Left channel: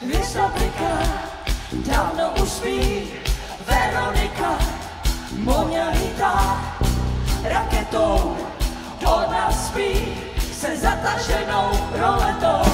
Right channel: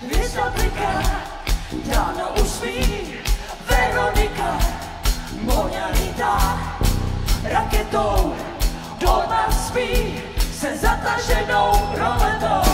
hvězda bliká, dávno už spí Veronika, Moňa lítá raketou, ona spí se zataženou roletou.